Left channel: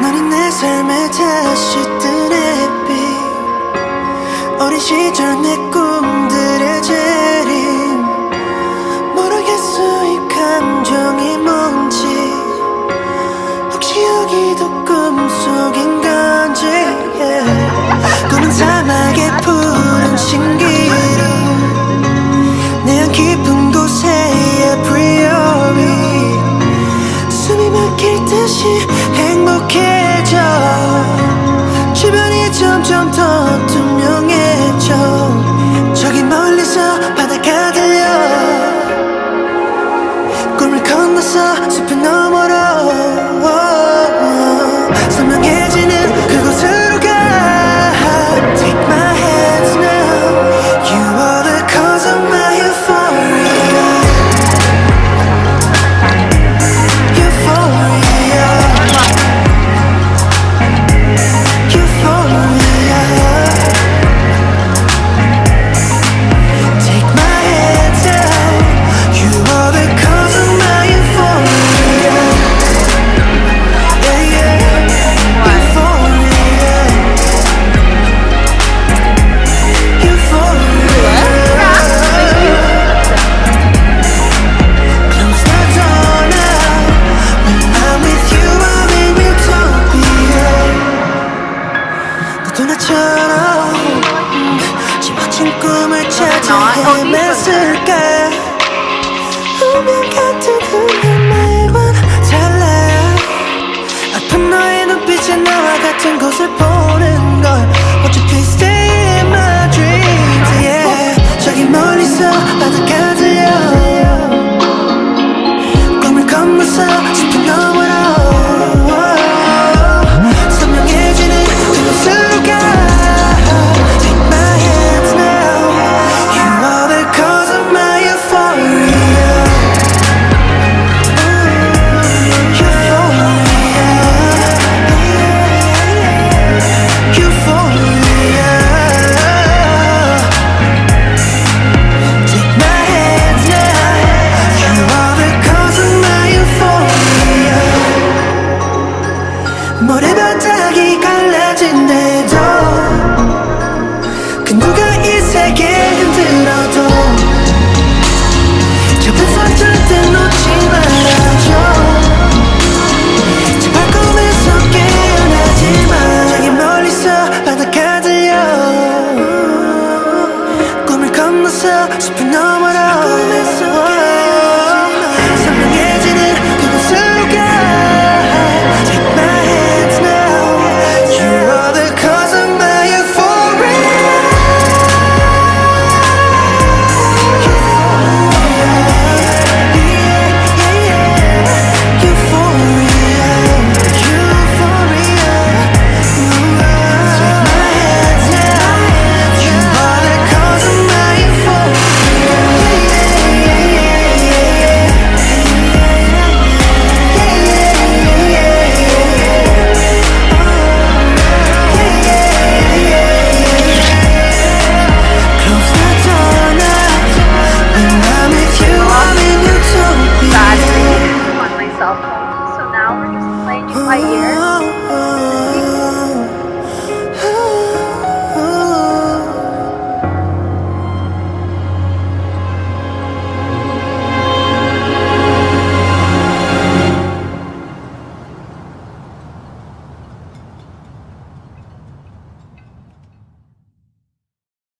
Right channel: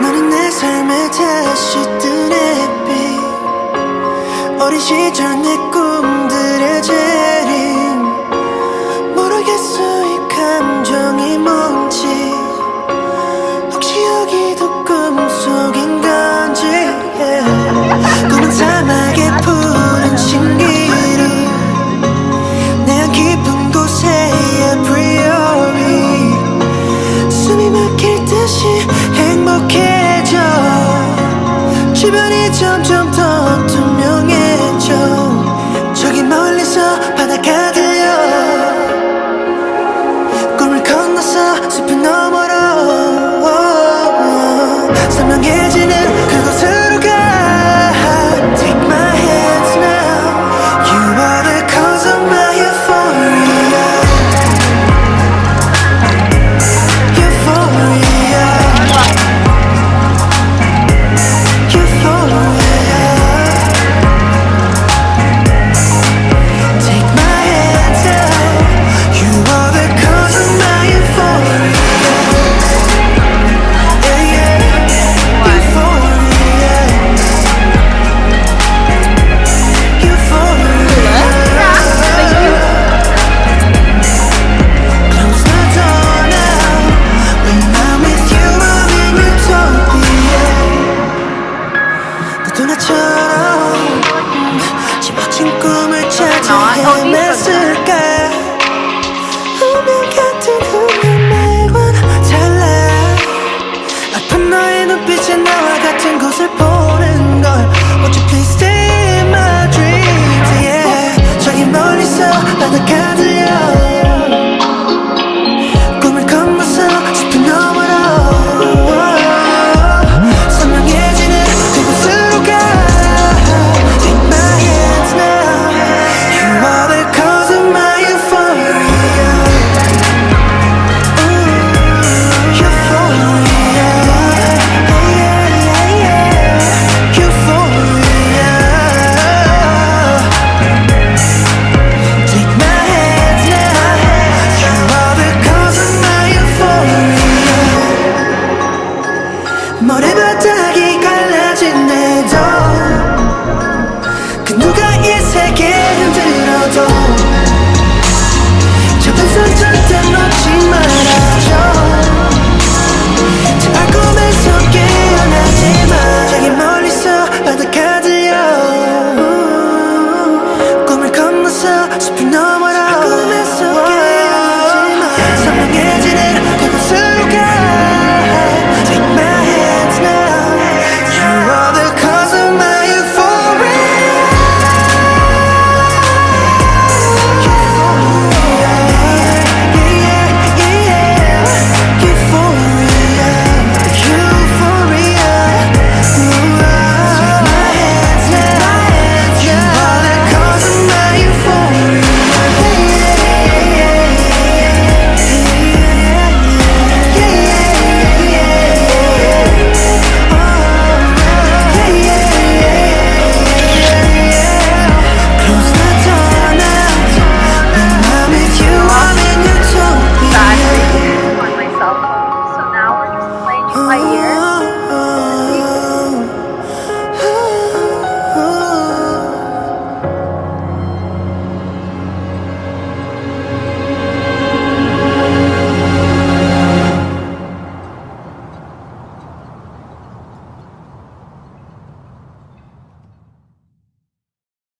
너는 내 삶에 다시 뜬 햇빛 어린 시절 내 꿈들의 재림 모르겠어 이 감정이 뭔지 혹시 여기도 꿈속인 건지 꿈은 사막의 푸른 신기루 내 안 깊은 곳에 apriori 숨이 막힐 듯이 행복해져 주변이 점점 더 투명해져 저기 멀리서 바다가 들려 꿈을 건너서 숲을 너머로 선명해지는 그곳으로 가 Take my hands now You are the cause of my euphoria Euphoria Euphoria Take my hands out You are the cause of my euphoria Yeah, yeah Euphoria Euphoria Close the door now When I'm with you I'm in utopia 너도 나처럼 지워진 꿈을 찾아 헤맸을까 운명 같은 그날 말과는 달라 아픈 너의 눈빛에 나와 같은 곳을 보는 걸 Won't you please stay in my dreams yeah. 저기 멀리서 바다가 들려 꿈을 건너서 숲을 너머로